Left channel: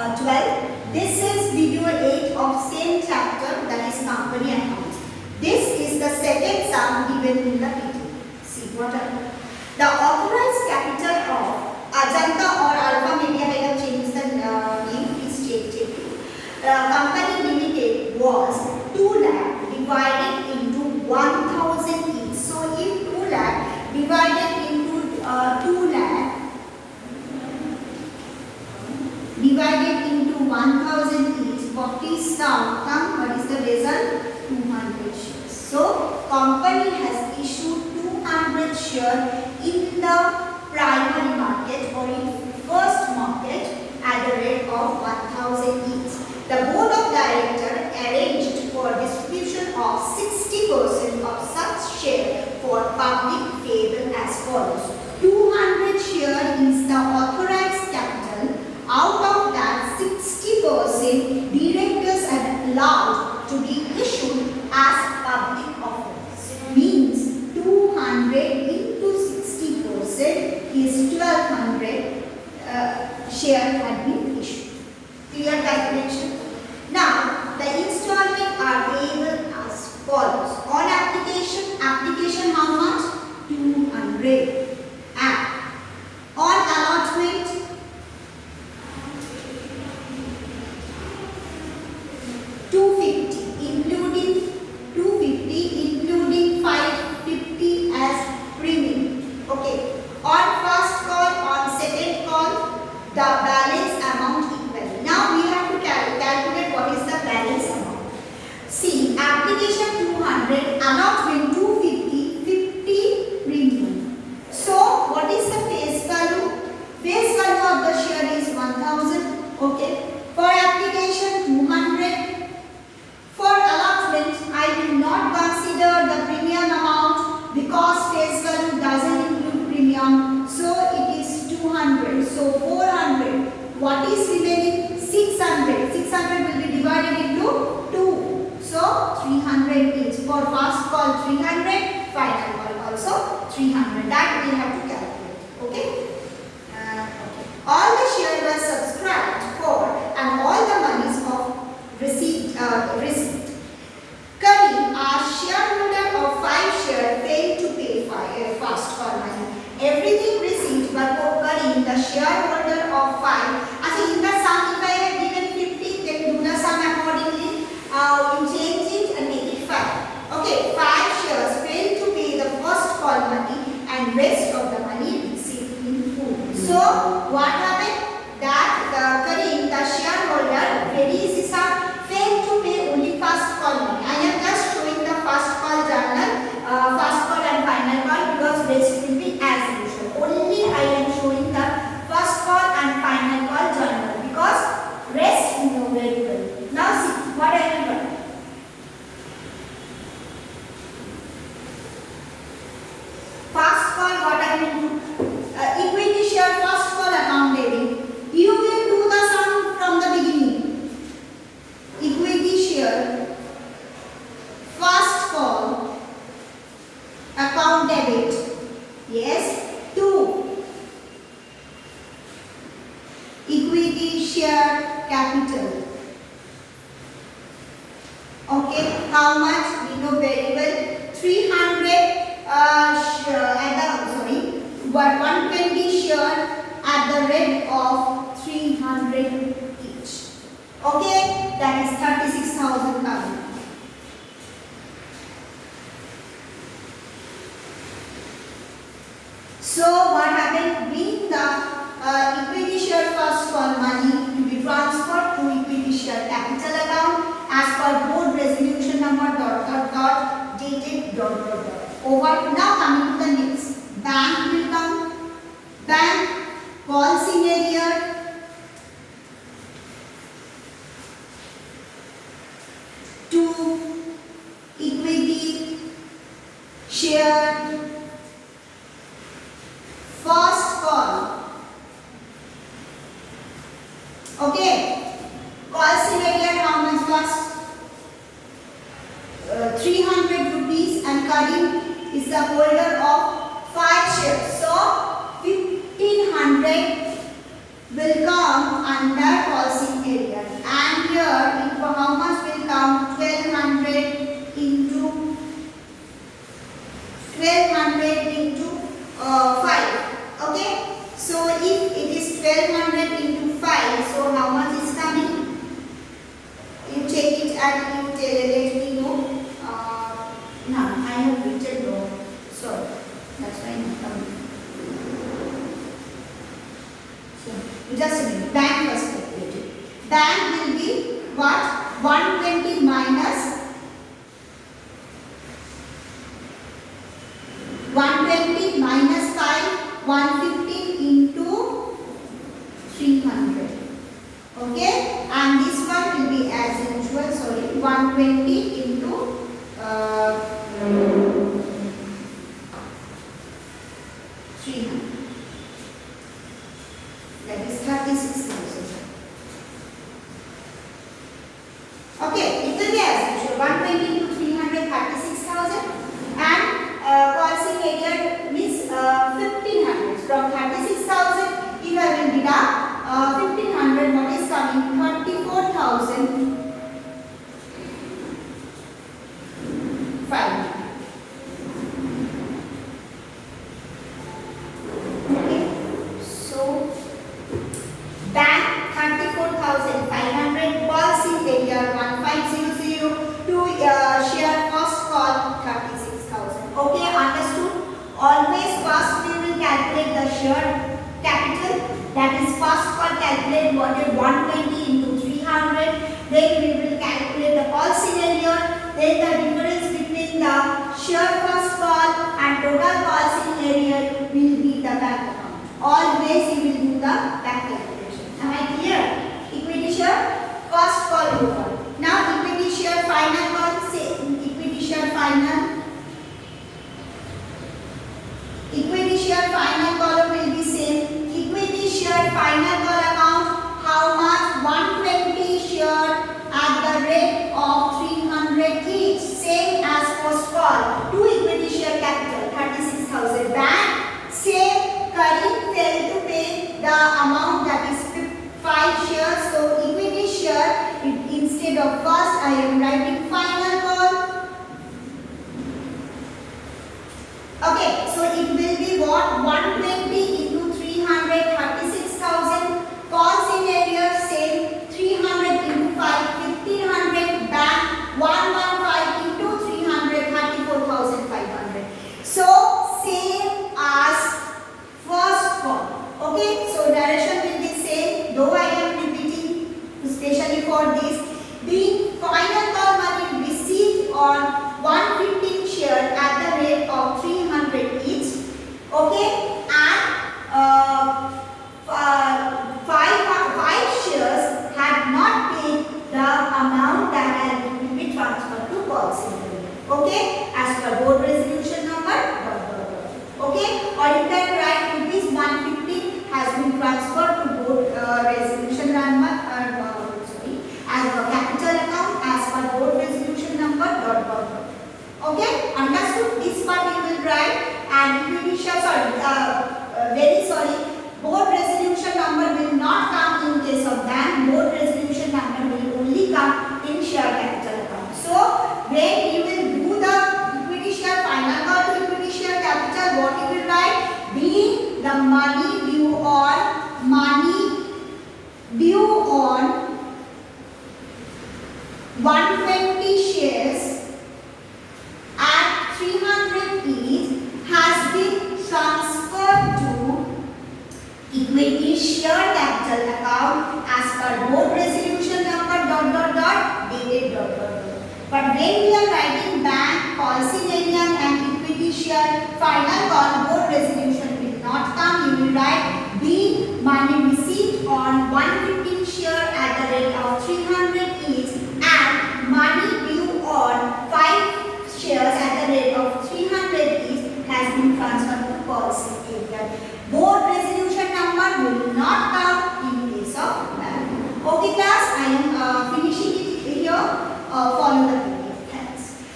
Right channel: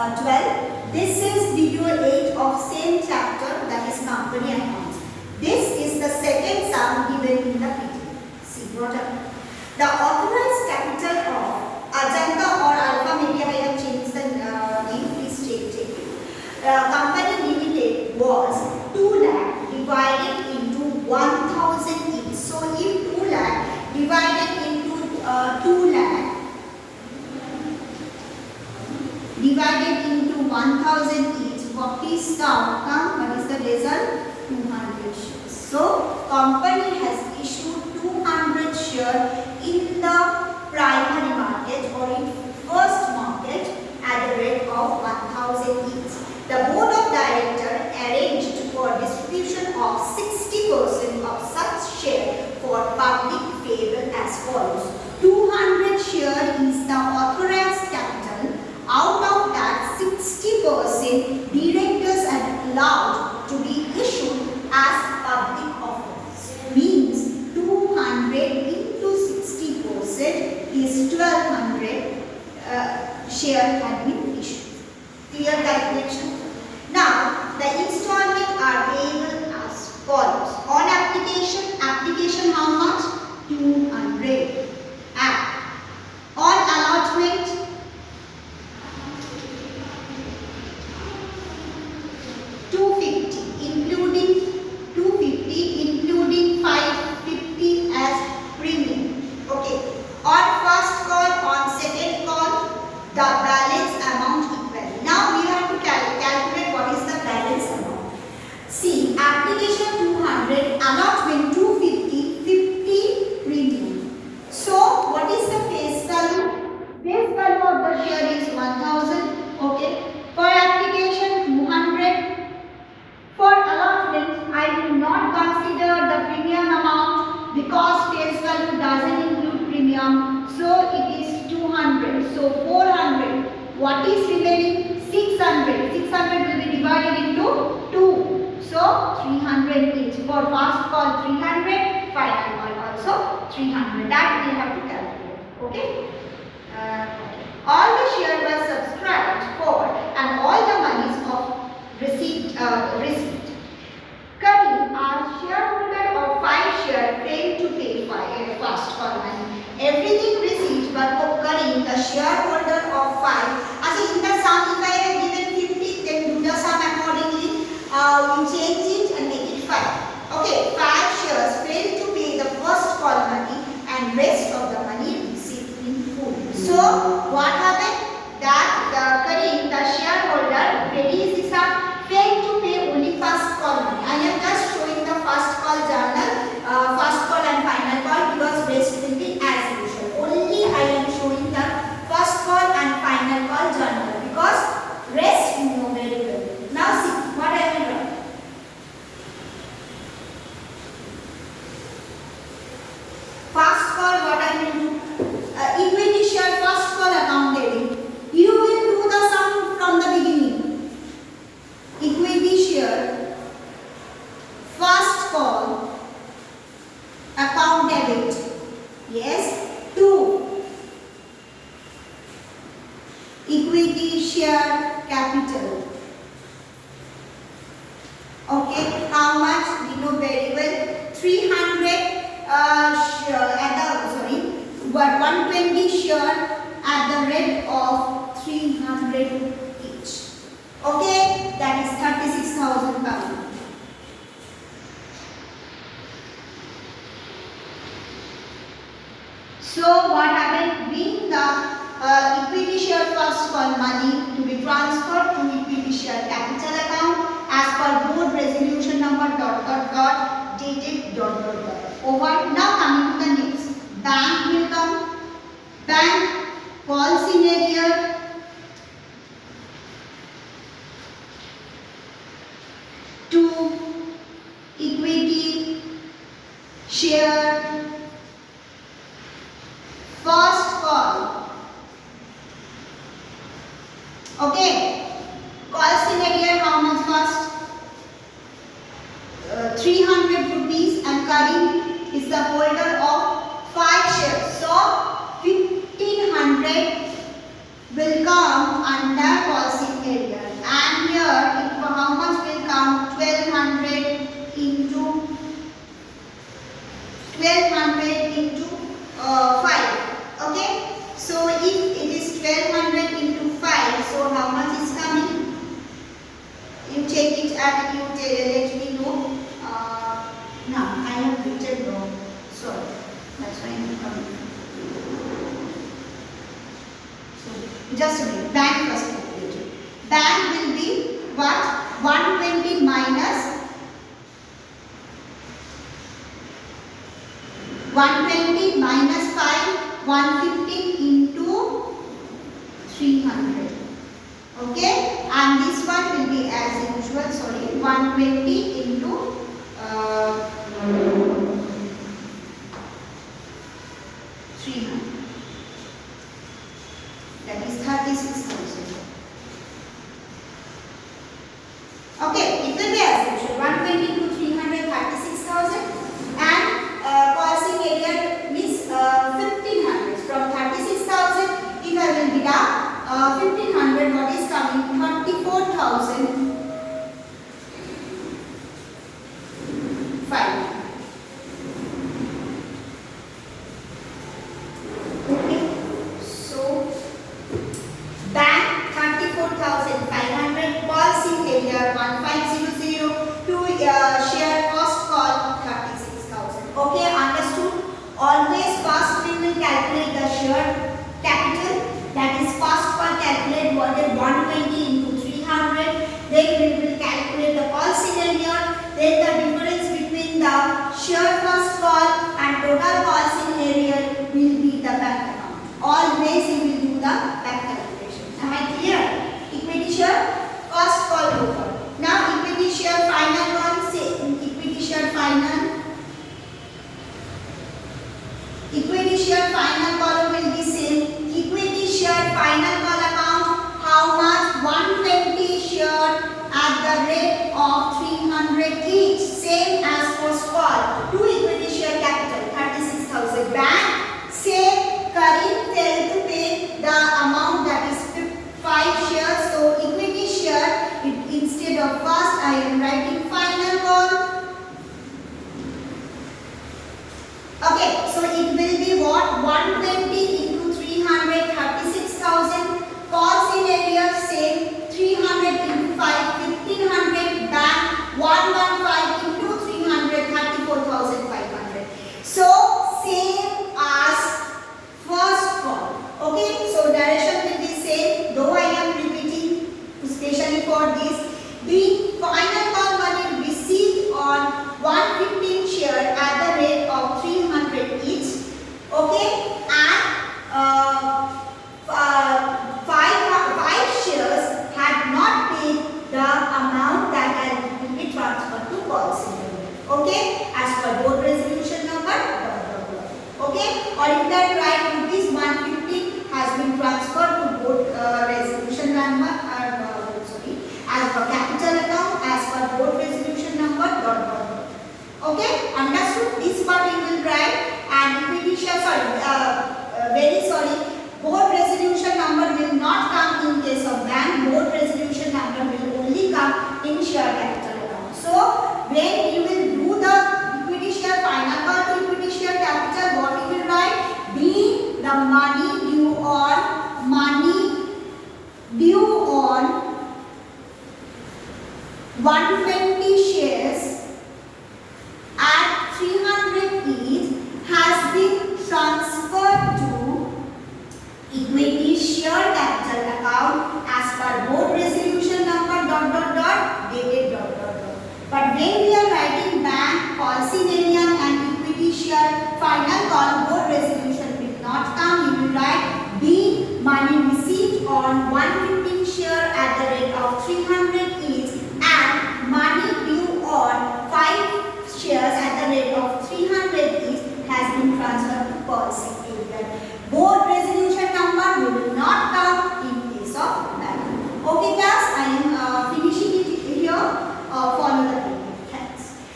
12. This is video 8 of same chapter, that is company account. This is the second sum given in the PDF. See what happened. The authorized capital of Ajanta or Alpha Media, I have changed the name, please check it. Company Limited was 2 lakh divided into 1000 each. So if 2 lakh divided into 2 lakh divided into 1000 each, what is the outcome? What is the result? 200 shares. So company has issued 200 shares in the primary market or in first market at a rate of 1000 each. The board of directors arranged for distribution of 60% of such share for public favor as follows. 200 share is the authorized capital. Out of that, 60% directors are allowed to be issued as public offerings. Means 200 into 60% is 1200 share had been issued. Clear calculation? Now, the installment are payable as follows. On application how much? 200. And on allotment, 250, including 550 as premium. Okay. On first call, on second call, the balance amount equal. Now we have to calculate what is the balance amount. See, application 200, allotment 250, 50 premium. So what is the face value? Face value of the share is 1000. Okay. For application 200. For allotment, I will not consider the premium amount because face value doesn't include premium. So it is 200. So 400. What is remaining? 600. 600 will be divided into 2. So 300 each. For first call 300, final call also 300. That we have to calculate. Okay? All the shares were subscribed for and all the monies of received. Karim, a shareholder of 5 shares, failed to pay first call money. Everything received, but for Karim, the shareholder of 5. Actually, in the sum, if I have given 50, then do the sum accordingly. We change it and make it 5. Okay, 5 shares failed to pay the first call money and rest of the money received in full. So, what happened? That Karim, the shareholder, ready this sum, failed to pay only first call money. I am just showing the first call journal, first call and final call because rest will be as usual. Only I am showing the first call and final call journal because rest you know very well. Now see what I will write. First call, what I will do? Equity share first call account debit. You will do the sum from the beginning. Equity share first call account debit. Yes. 2. Equity share capital. Okay. How much? We know very well. 300 120 share at the rate of 300 each. Okay, that is 36,000 pounds. So what happened? Bring the equity share first call money to be transferred to equity share capital account as per board resolution number ... dated ... Over. Now coming to the next. Bank will come. Bank calls in arrear. Equity share first call. Okay. Calls in arrear how much first? 300 rupees and Karim is the holder of 5 shares. So 1500 will come under policy seen area. And here, how much will come? 1200 into 5. Okay. So if it is 1200 into 5, so how much is coming? You check it and you let me know. No, I have written wrong. Sorry, that's why I'm coming. So just a minute. Bank first calculated. Bank will be what? 120 minus 120 minus 5, 150 into 300. Okay, and this one will be as usual. Sorry, 120 into 300. That is 36,000. Okay, it will be as usual. 120 into 300, 36,000. And costing area means 1500. From 36,000, if I will deduct 1500, what is coming? 34,500. Okay, so bank 34,500, policy area 1500, to share cost call 36,000. Okay, understood? Always first we will calculate the share capital, that is first call calculate what is 120 into 300, then we will calculate the call scenario, then the difference between the share first call and total call scenario will be the bank account. Always you will do the bank calculation. Am I clear? Equity share first call roll call. Now equity share final call, say equity share final. Equity share final column will be same. Equity share final call account, how much? 120 share at the rate of 300 each, same as first call. Two equity share capital 36,000. Bank same. Karim failed to pay the amount, that is 5 shares. So equity share, instead of first I am writing final call. Okay, so it will be what? 120 into 300, 36,000. Call scenario same. 300 into 5, 1500. Bank 115 into 300, 34,500. So same as first call. Okay, so narration will be same, though I am repeating especially for this. The final call money received on 115 share at the rate of 300 each. Okay, and 5 shares had not paid the amount that had been transferred to call scenario. Okay, as per board resolution number. Okay, or you can write rupees 150 has been transferred to board resolution number. As per capital account, as per board resolution number. Okay, understood? This part you will write, and equity share. Very sorry. Board resolution number will not come in case of bank. Board resolution number will only come in share capital account. So when you will do the equity share final call to equity share capital, what you will write? Being the money due on 120 shares at 300 each has been transferred to equity share capital account as per board resolution number ... dated ... But when we are writing bank, policy variant and equity share final call, board resolution will not come. You will write the money received on 115 share at the rate of 300